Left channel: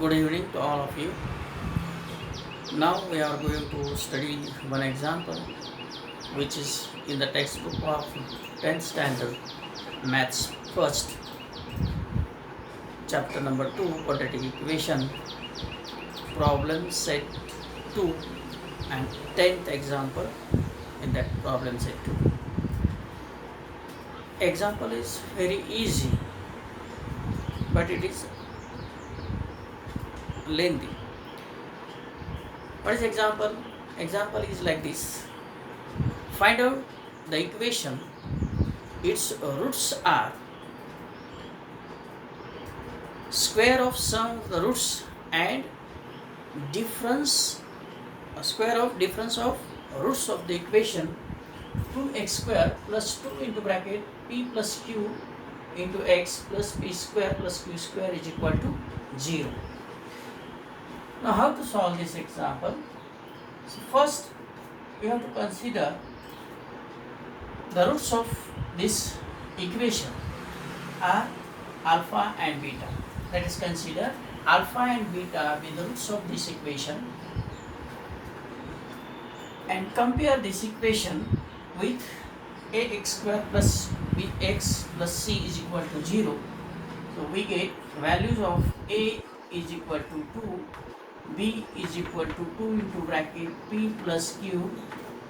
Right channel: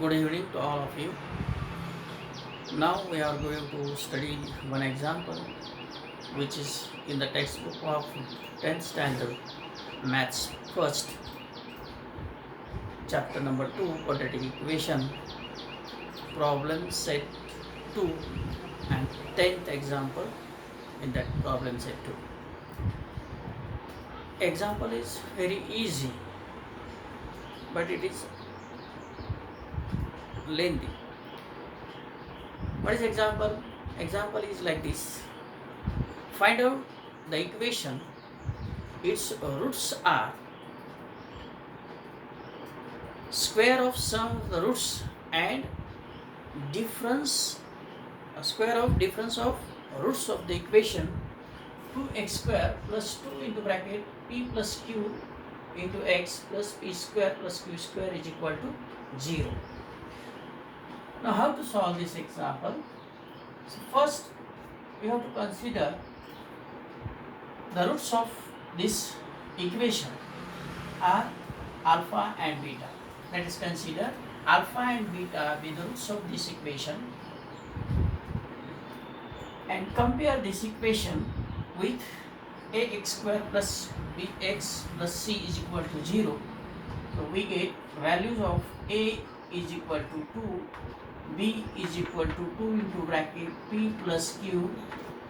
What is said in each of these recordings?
Good evening to all of you. Now we are going to study one example which is in the textbook of 10th standard maths first chapter number 2 quadratic equation problem set 2 and 10th example in that problem set 2. Example is very easy but it is lengthy. What is example? Example is like this. Find out the equation. Its roots are square of sum of the roots and square of difference of roots of the equation 2x square plus 2 into bracket p plus q into x plus p square plus q square is equal to 0. Now how to solve this example? So first we have to consider the roots of this equation are alpha and beta. Let us consider alpha and beta be the roots of this equation and compare this equation with ax square plus bx plus c is equal to 0. So we get values of a is equal to 2, b is equal to 2 into bracket p plus q.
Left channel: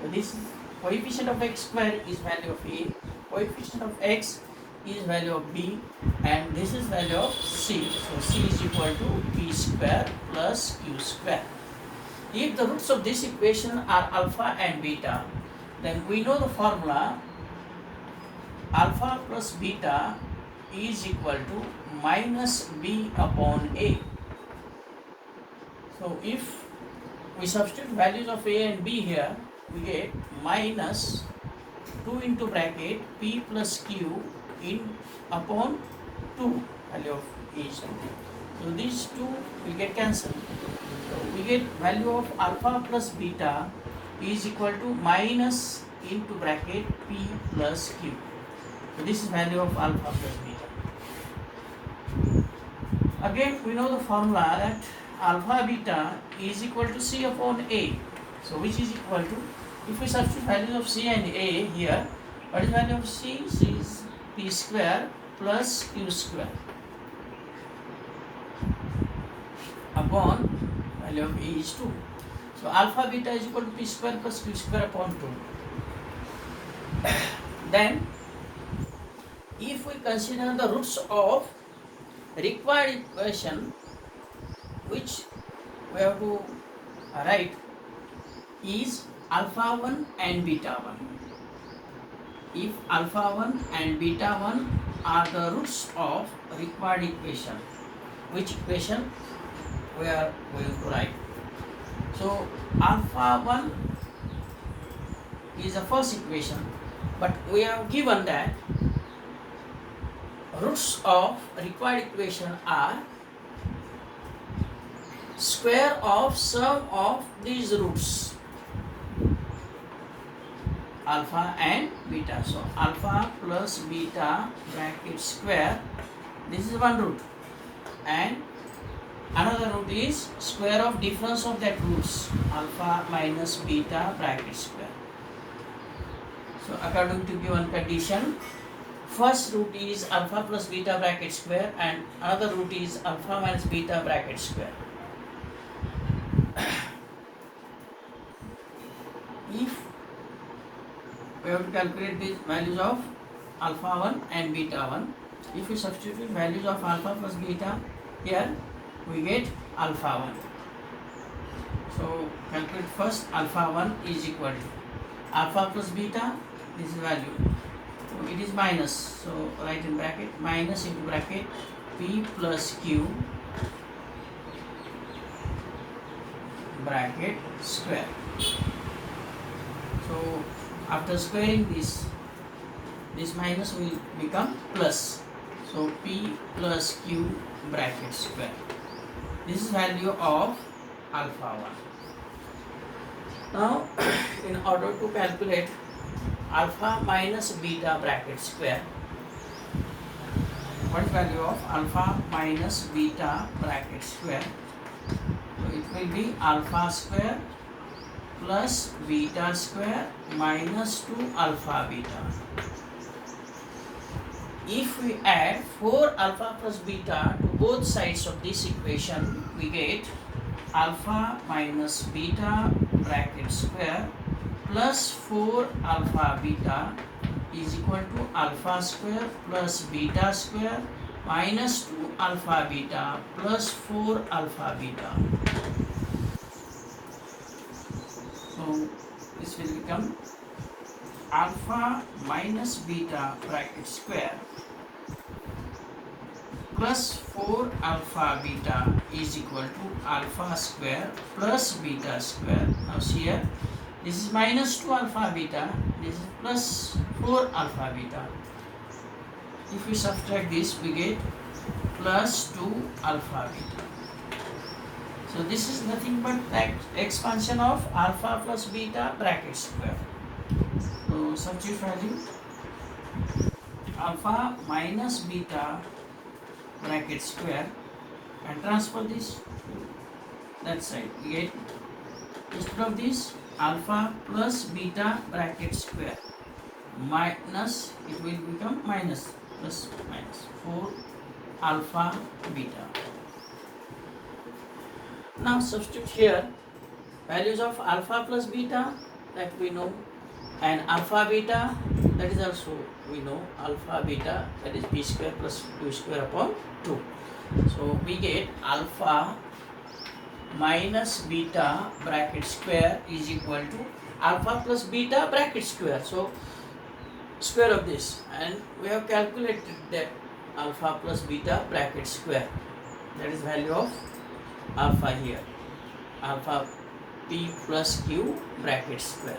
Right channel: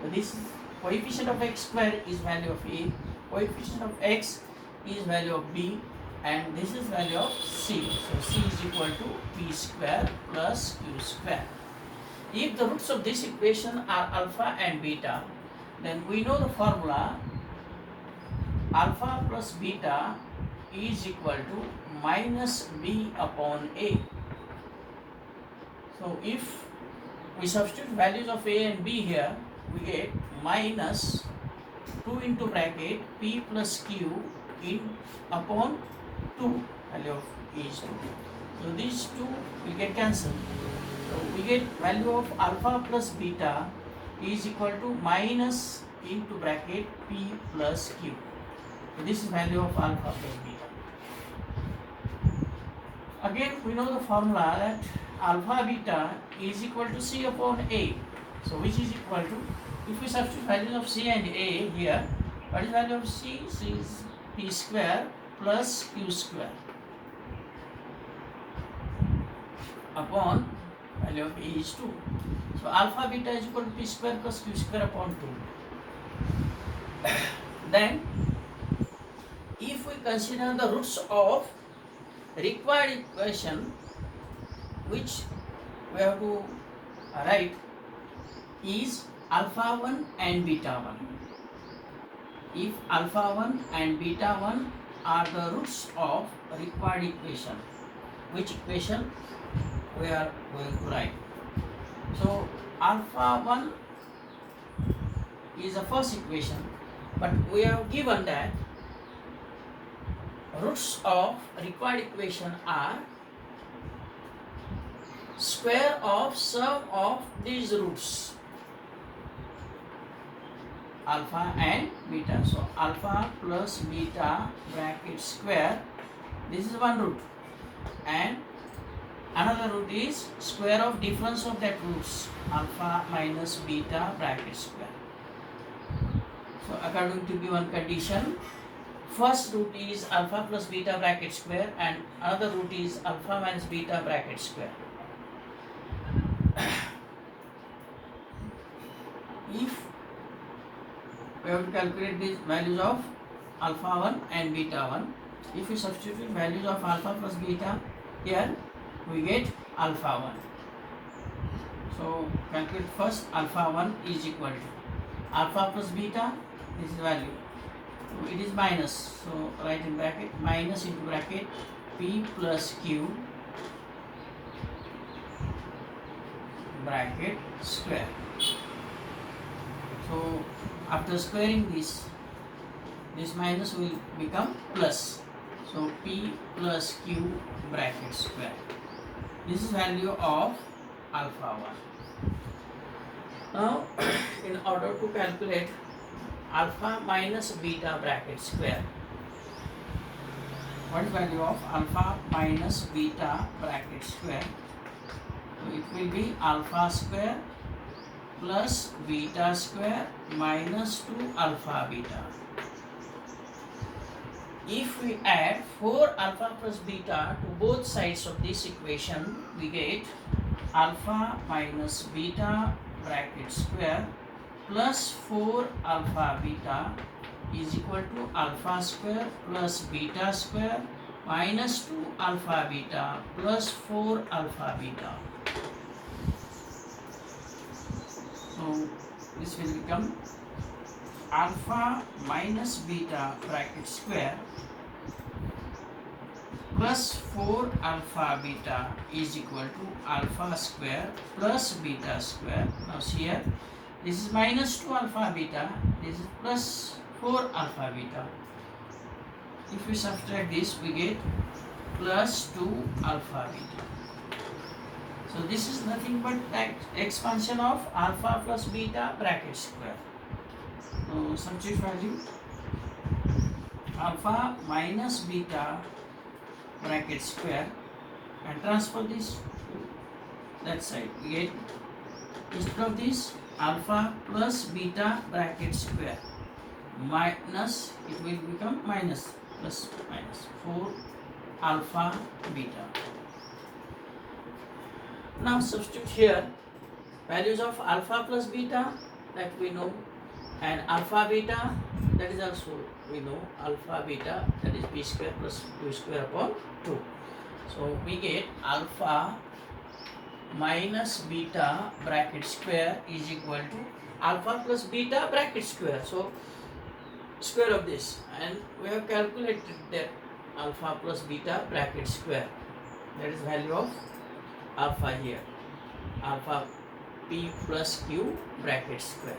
So this coefficient of x square is value of a, coefficient of x is value of b, and this is value of c. So c is equal to p square plus q square. If the roots of this equation are alpha and beta, then we know the formula alpha plus beta is equal to minus b upon a. So if we substitute values of a and b here, we get minus 2 into bracket p plus q in upon 2 value of each 2. So these two will get cancelled. So we get value of alpha plus beta is equal to minus into bracket p plus q. So this is value of alpha plus beta. Again we know the formula that alpha beta is equal to c upon a. So which is equal to, if we substitute values of c and a here, what is value of c? C is p square plus q square upon value of a is 2. So alpha beta is equal to p square plus q square upon 2. Then if we consider the roots of required equation which we have to write is alpha 1 and beta 1. If alpha 1 and beta 1 are the roots of required equation, which equation we are going to write? So alpha 1 is the first equation, but we have given that roots of required equation are square of sum of these roots alpha and beta. So alpha plus beta bracket square, this is one root, and another root is square of difference of that roots alpha minus beta bracket square. So according to given condition, first root is alpha plus beta bracket square and another root is alpha minus beta bracket square. If we have to calculate the values of alpha 1 and beta 1, if we substitute values of alpha plus beta here, we get alpha 1. So calculate first alpha 1 is equal to alpha plus beta, this is value. So it is minus, so write in bracket minus into bracket p plus q bracket square. So after squaring this minus will become plus. So p plus q bracket square. This is value of alpha 1. Now in order to calculate alpha minus beta bracket square, what is value of alpha minus beta bracket square? So it will be alpha square plus beta square minus 2 alpha beta. If we add 4 alpha plus beta to both sides of this equation, we get alpha minus beta bracket square plus 4 alpha beta is equal to alpha square plus beta square minus 2 alpha beta plus 4 alpha beta. So this will become alpha minus beta bracket square plus 4 alpha beta is equal to alpha square plus beta square. Now see here, this is minus 2 alpha beta, this is plus 4 alpha beta. If we subtract this, we get plus 2 alpha beta. So this is nothing but expansion of alpha plus beta bracket square. So substitute value alpha minus beta bracket square and transfer this to that side. We get, instead of this, alpha plus beta bracket square minus, it will become minus, plus minus 4 alpha beta. Now substitute here values of alpha plus beta that we know, and alpha beta, that is also we know, alpha beta, that is b square plus q square upon 2. So we get alpha minus beta bracket square is equal to alpha plus beta bracket square. So square of this, and we have calculated that alpha plus beta bracket square, that is value of alpha here, alpha p plus q bracket square.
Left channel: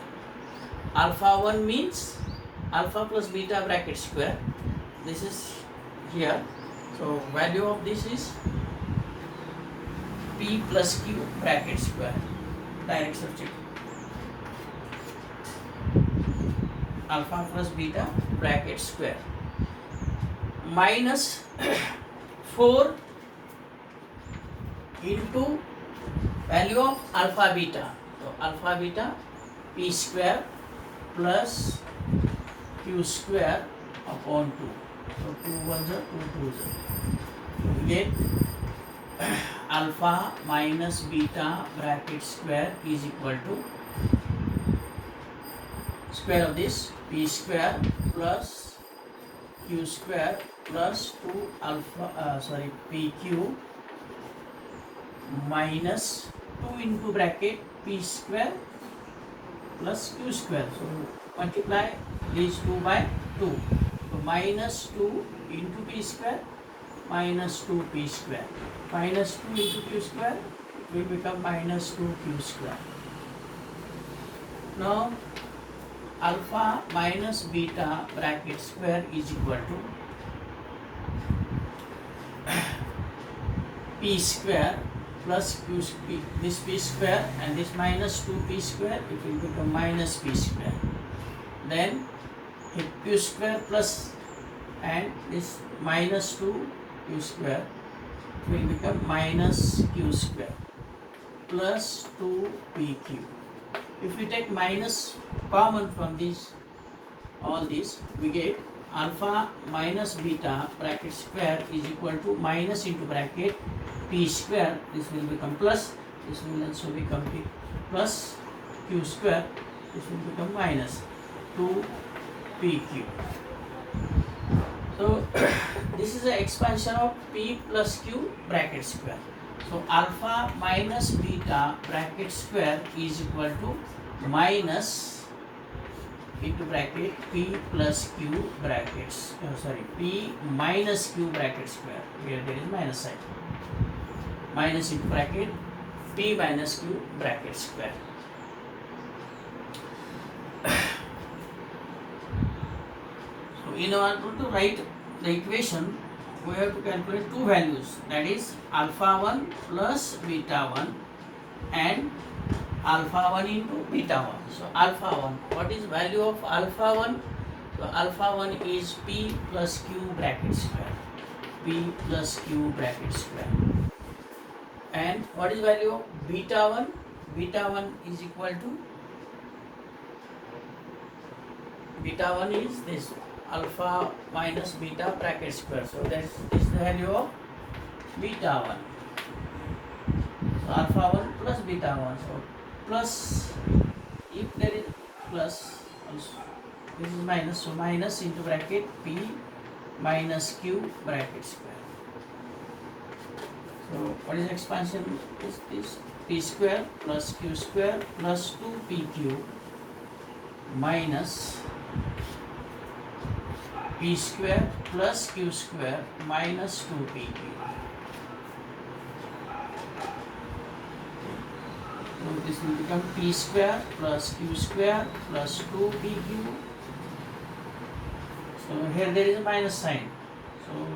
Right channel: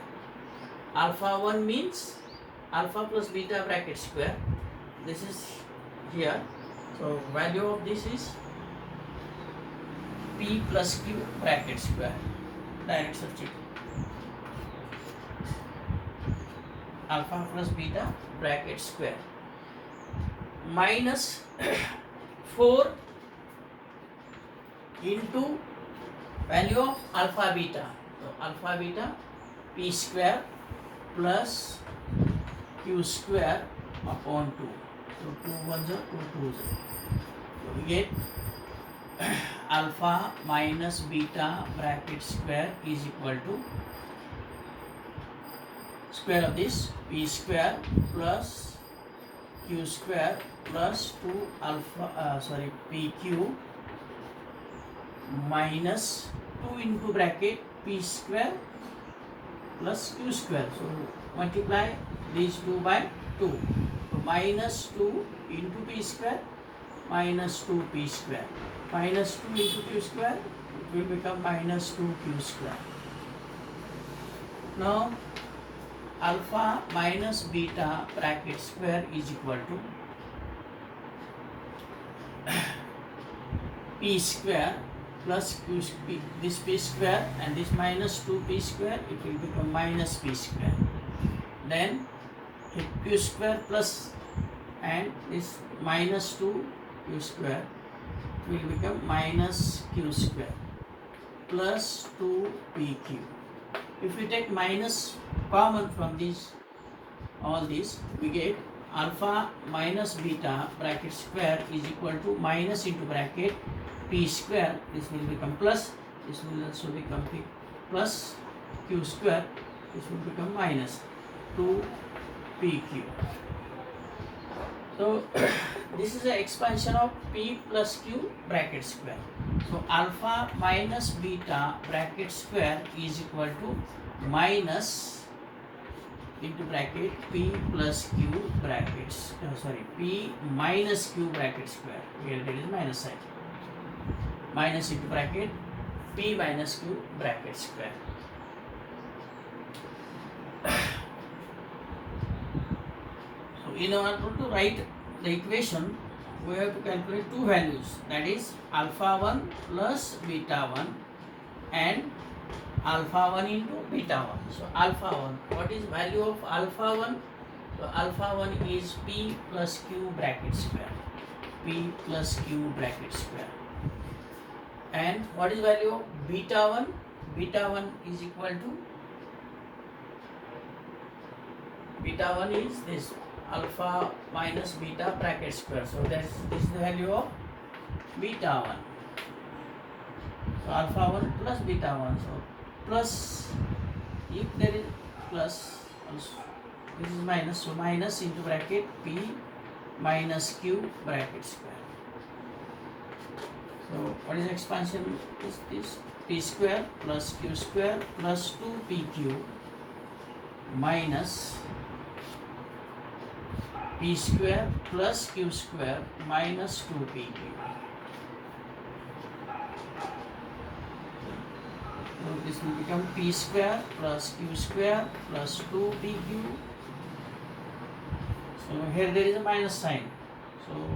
Alpha 1 means alpha plus beta bracket square, this is here. So value of this is p plus q bracket square. Direct substitute. Alpha plus beta bracket square minus 4 into value of alpha beta. So alpha beta p square plus q square upon 2. So 2 1s are 2 2s are. So we get alpha minus beta bracket square is equal to square of this p square plus q square plus 2 alpha pq minus 2 into bracket p square plus q square. So multiply these 2 by 2. So minus 2 into p square minus 2p square. Minus 2 into q square, it will become minus 2q square. Now alpha minus beta bracket square is equal to p square plus q square, this p square and this minus 2p square, it will become minus p square. Then q square plus and this minus 2q square will become minus q square plus 2pq. If we take minus common from this, all this, we get alpha minus beta bracket square is equal to minus into bracket p square, this will become plus, this will also become p plus q square, this will become minus 2pq. So this is the expansion of p plus q bracket square. So alpha minus beta bracket square is equal to minus into bracket p plus q brackets, p minus q bracket square, here there is minus sign, minus into bracket p minus q bracket square. So in order to write the equation, we have to calculate two values, that is alpha 1 plus beta 1 and alpha 1 into beta 1. So alpha 1, what is value of alpha 1? So alpha 1 is p plus q bracket square. p plus q bracket square. And what is value of beta 1? Beta 1 is equal to, beta 1 is this alpha minus beta bracket square. So that is the value of beta 1. So alpha 1 plus beta 1. So plus, if there is plus, this is minus, so minus into bracket p minus q bracket square. So what is expansion is this? P square plus q square plus 2pq minus p square plus q square minus 2pq. So this will become p square plus q square plus 2pq. So here there is a minus sign. So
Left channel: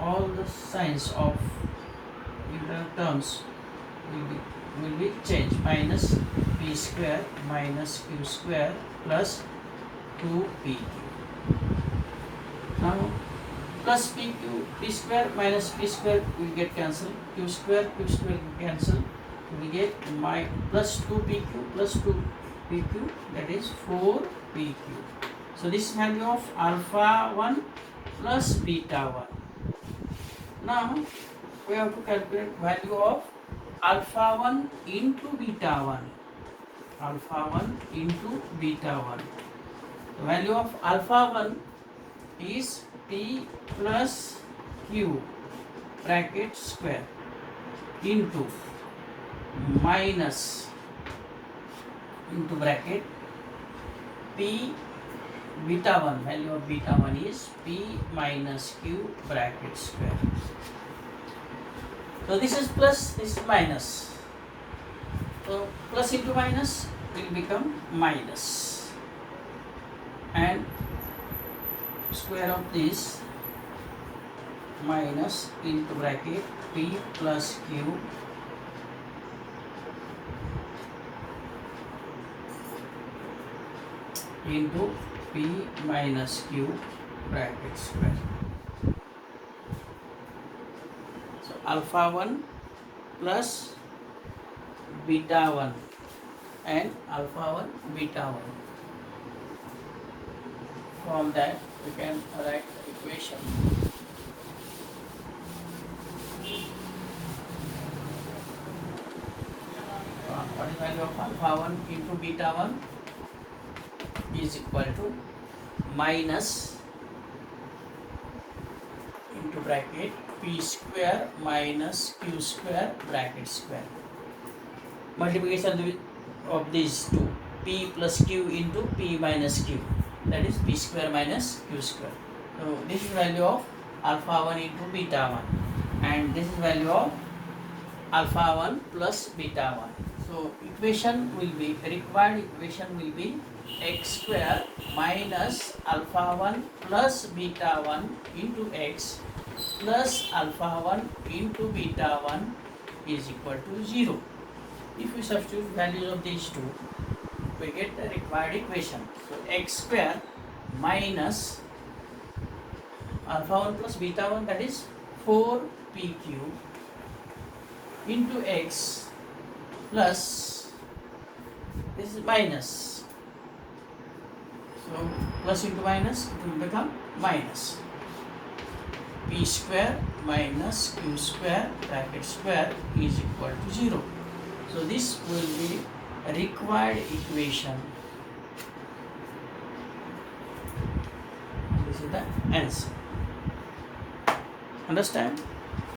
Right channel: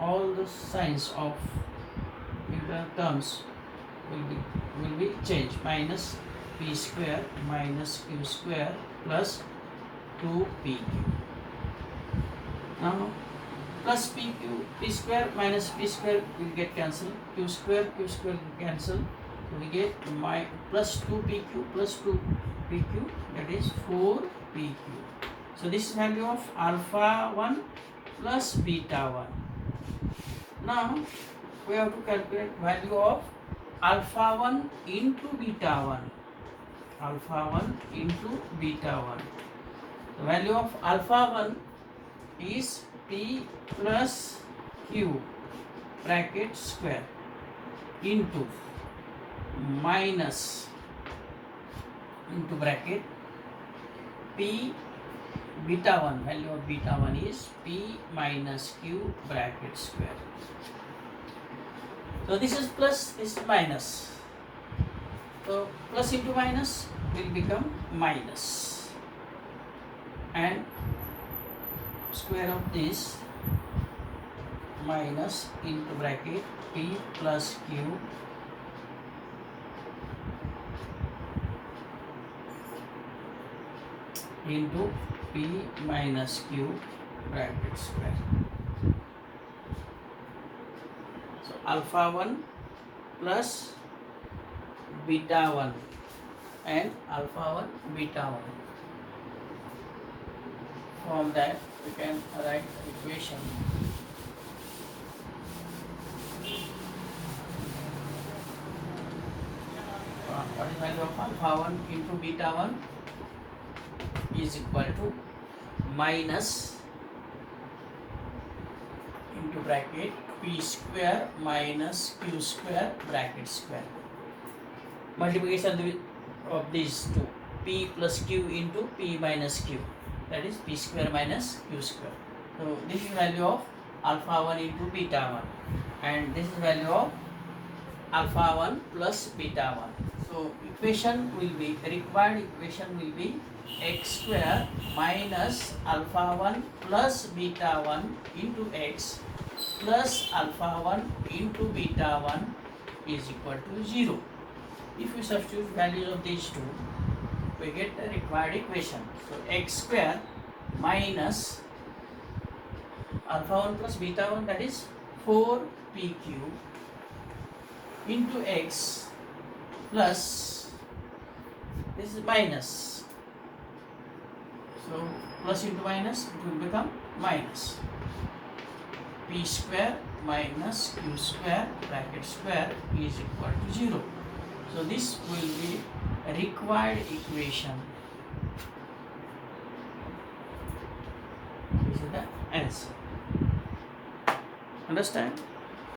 all the signs of integral terms will be changed. Minus p square minus q square plus 2pq. Now plus pq, p square minus p square will get cancelled. Q square will cancel. We get plus 2pq plus 2pq, that is 4pq. So this is value of alpha 1 plus beta 1. Now we have to calculate value of alpha 1 into beta 1. Alpha 1 into beta 1. The value of alpha 1 is p plus q bracket square into minus into bracket p beta 1. Value of beta 1 is p minus q bracket square. So this is plus, this is minus. So plus into minus will become minus, and square of this minus into bracket p plus q into p minus q bracket square. So alpha 1 plus beta 1 and alpha 1 beta 1. From that we can write the equation. What is the value of alpha 1 into beta 1? Is equal to minus into bracket p square minus q square bracket square. Multiplication of these two, p plus q into p minus q, that is p square minus q square. So this is value of alpha 1 into beta 1, and this is value of alpha 1 plus beta 1. So required equation will be x square minus alpha 1 plus beta 1 into x plus alpha 1 into beta 1 is equal to 0. If we substitute values of these two, we get the required equation. So x square minus alpha 1 plus beta 1, that is 4pq into x plus, this is minus. So plus into minus, it will become minus p square minus q square bracket square is equal to 0. So this will be a required equation. This is the answer. Understand?